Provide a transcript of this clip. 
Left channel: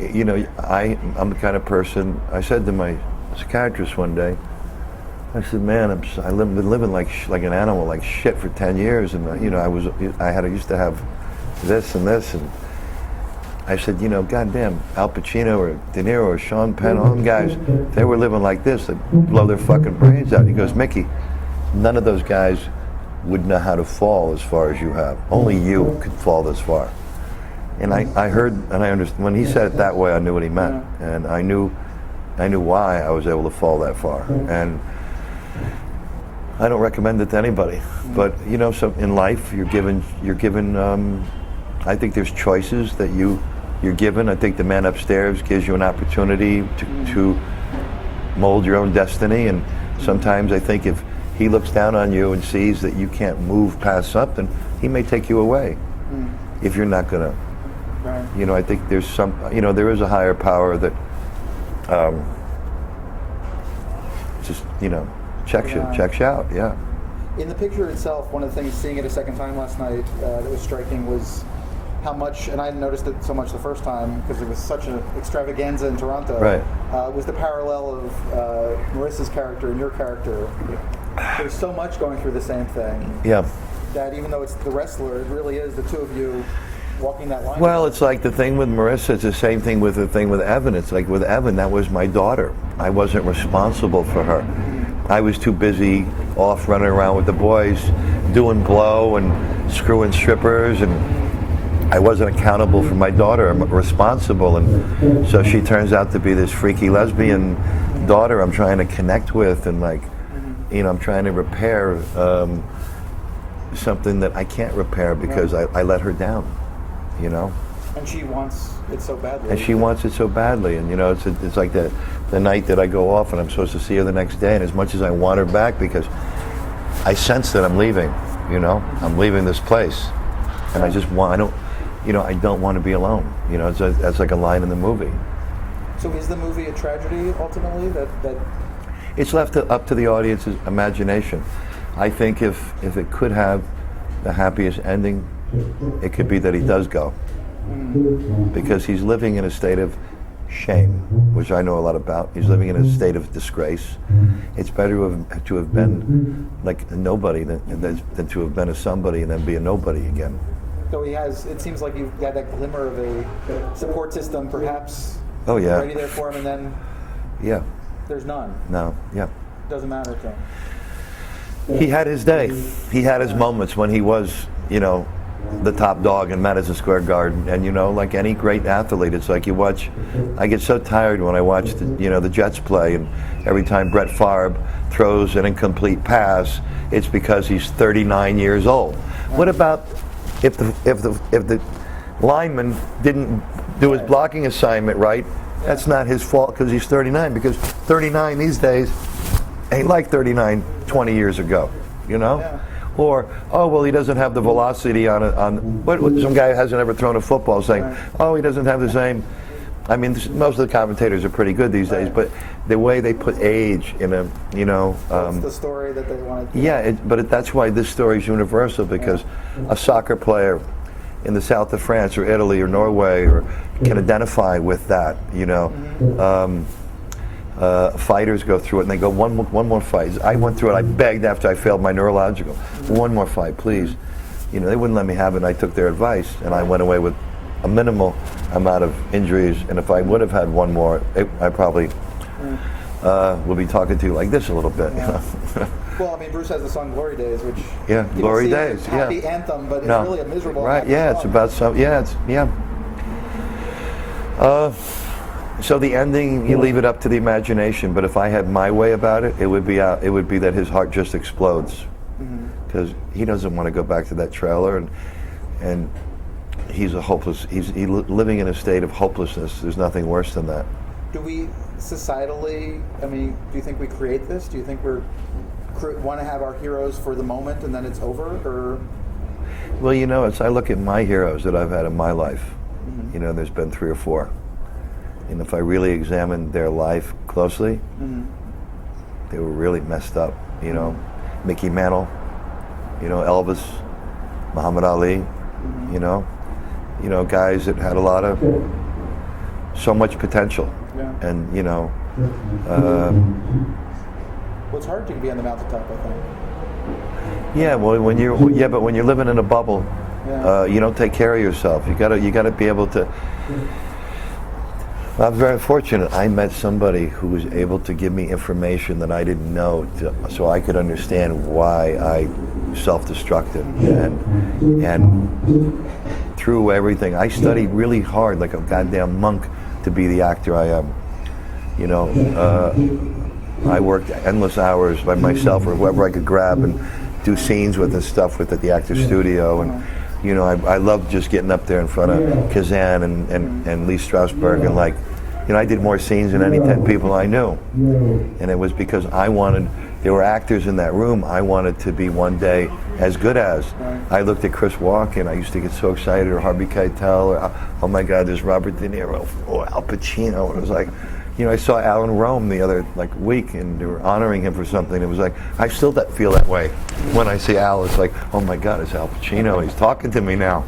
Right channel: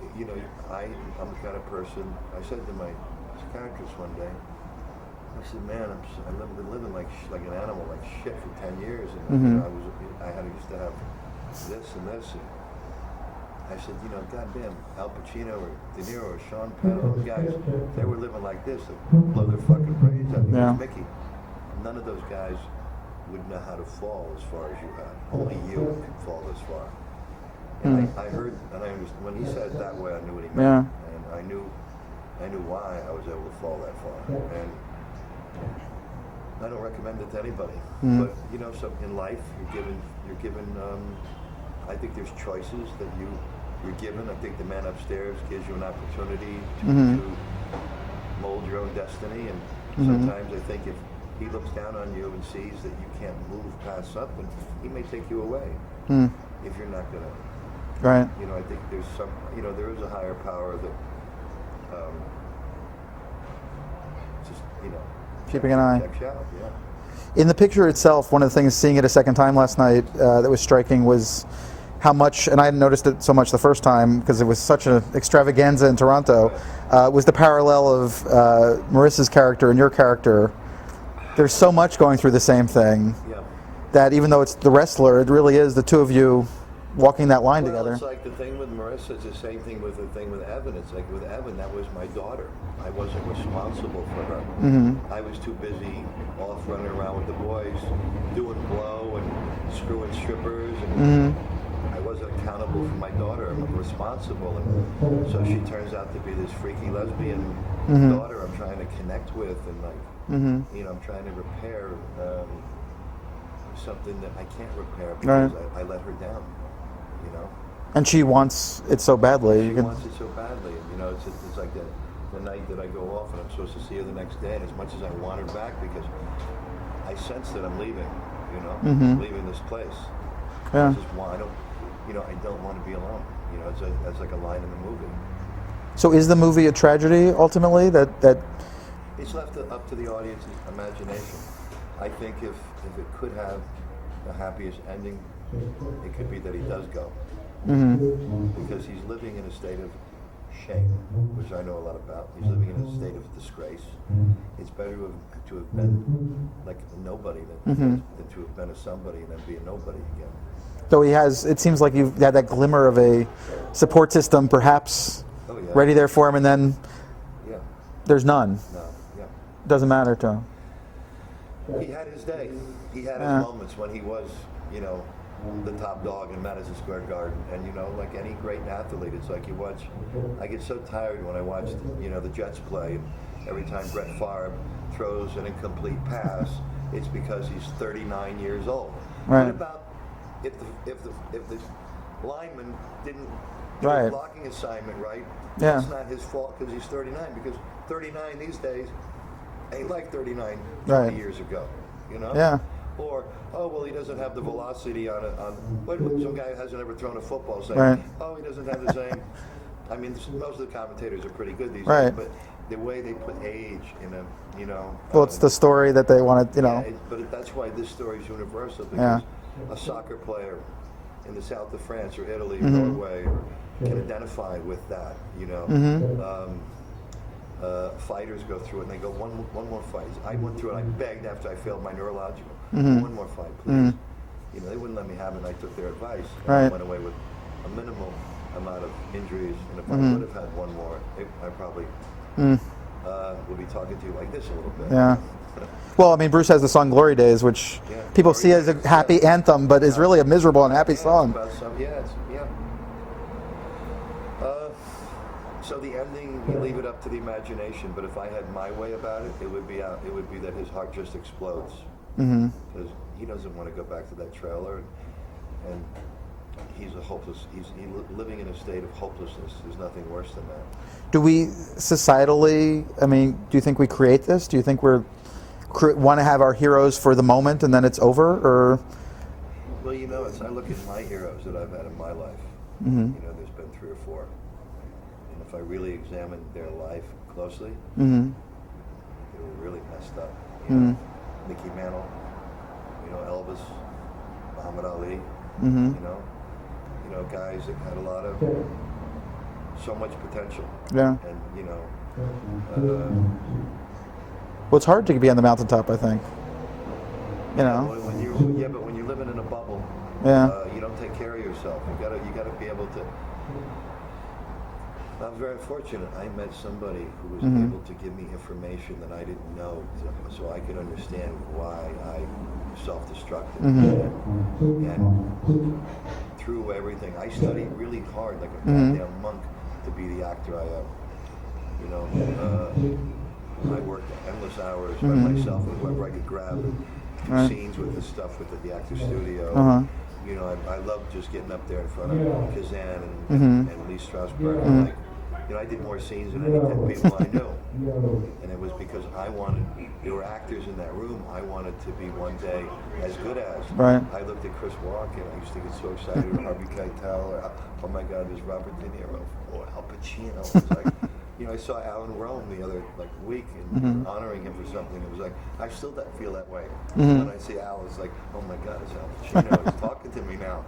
you know, I'm the kind of person. I said to my psychiatrist one day, I said, man, I've been living like an animal, like shit for 10 years, and you know, I used to have this and this, and I said, you know, goddamn, Al Pacino or De Niro or Sean Penn, all them guys, they were living like this, they'd blow their fucking brains out. He goes, Mickey, none of those guys would know how to fall as far as you have. Only you could fall this far. And I heard, and I understood, when he said it that way, I knew what he meant. And I knew why I was able to fall that far. And I don't recommend it to anybody. But, you know, so in life, you're given, I think there's choices that you're given. I think the man upstairs gives you an opportunity to mold your own destiny. And sometimes I think if he looks down on you and sees that you can't move past something, he may take you away if you're not gonna. Right. You know, I think there's some, you know, there is a higher power that just, you know, checks you out, yeah. In the picture itself, one of the things, seeing it a second time last night, that was striking was how much, and I hadn't noticed it so much the first time because it was such an extravaganza in Toronto, was the parallel of Marissa's character and your character. There's so much going through the same thing. Yeah. That even though it's the wrestler, it really is the two of you walking that line Well, together. it's like the thing with Marissa, it's the same thing with the thing with Evan. It's like with Evan, that was my daughter. I wasn't responsible for her. I was too busy off running around with the boys, doing blow and screwing strippers, and I wasn't accountable for my daughter. I'm responsible, and so she turns out to be this freaky lesbian daughter I'm trying to connect with, and like, you know, I'm trying to repair something that I can't repair because I let her down, you know. And she wants it so badly. And she wants it so badly, and you know, it's like the night that I go off and I'm supposed to see her the next day, and as much as I want her back because I sense that I'm leaving, you know, I'm leaving this place, and I just want, I don't want to be alone, you know. That's like a line in the movie. So is the movie a tragedy ultimately? That it's left up to the audience's imagination. I think if it could have the happiest ending, it could be that he does go. Because he's living in a state of shame, which I know a lot about. He's living in a state of disgrace. It's better to have been like a nobody than to have been a somebody and then be a nobody again. Though he has, it seems like you've had that glimmer of a support system perhaps ready there for him, and then there's none. No, Doesn't matter to him. He had his day. He had his moments when he was, you know, the top dog in Madison Square Garden. And, you know, like any great athlete, it's like you watch, I get so tired when I watch, the Jets play, and every time Brett Favre throws an incomplete pass, it's because he's 39 years old. What about if the lineman didn't do his blocking assignment right? That's not his fault because he's 39, because 39 these days ain't like 39 20 years ago, you know? Or, oh, well, he doesn't have the velocity on some guy hasn't ever thrown a football saying, oh, he doesn't have the same. I mean, most of the commentators are pretty good these days, but the way they put age in a, you know. Well, it's the story that they wanted, you know. But that's why this story is universal, because a soccer player in the south of France or Italy or Norway can identify with that, you know. Fighters go through it and they go, one more fight. I went through it. I begged after I failed my neurological, one more fight, please. You know, they wouldn't let me have it, and I took their advice, and I went away with a minimal amount of injuries. And if I would have had one more, I probably will be talking to you like this a little bit. Well, I mean, Bruce has the song "Glory Days," which people Glory see Days, as a happy anthem, but it's really a miserable and happy song. It's about some. So the ending, you leave it up to the imagination. But if I had my way about it, it would be that his heart just explodes, because he doesn't want to go back to that trailer, and he's living in a state of hopelessness. There's nothing worse than that. Do we societally? I mean, do you think we create this? Do you think we want to have our heroes for the moment and then it's over, or? Well, you know, I look at my heroes that I've had in my life. You know, there's been 3 or 4. And if I really examined their life closely, they were really messed up. You know, Mickey Mantle, you know, Elvis, Muhammad Ali, you know, guys that had a lot of so much potential. Yeah. And you know, Well, it's hard to be on the mountaintop, I think. yeah. Yeah. Well, but when you're living in a bubble, Yeah. you don't take care of yourself. You gotta be able to. I'm very fortunate. I met somebody who was able to give me information that I didn't know, so I could understand why I self-destructed. And through everything, I studied really hard, like a goddamn monk, to be the actor I am. You know, I worked endless hours by myself or whoever I could grab and do scenes with and stuff with at the actor's studio. And, you know, I loved just getting up there in front of Kazan and Lee Strasberg, and like, you know, I did more scenes than any 10 people I knew. And it was because there were actors in that room I wanted to be one day as good as. Right. I looked at Chris Walken, I used to get so excited, or Harvey Keitel, or oh my God, there's Robert De Niro, or Al Pacino. It was like, you know, I saw Alan Rome the other week, and they were honoring him for something. It was like, I still feel that way when I see Al. It's like, oh my God, it's Al Pacino. He's talking to me now.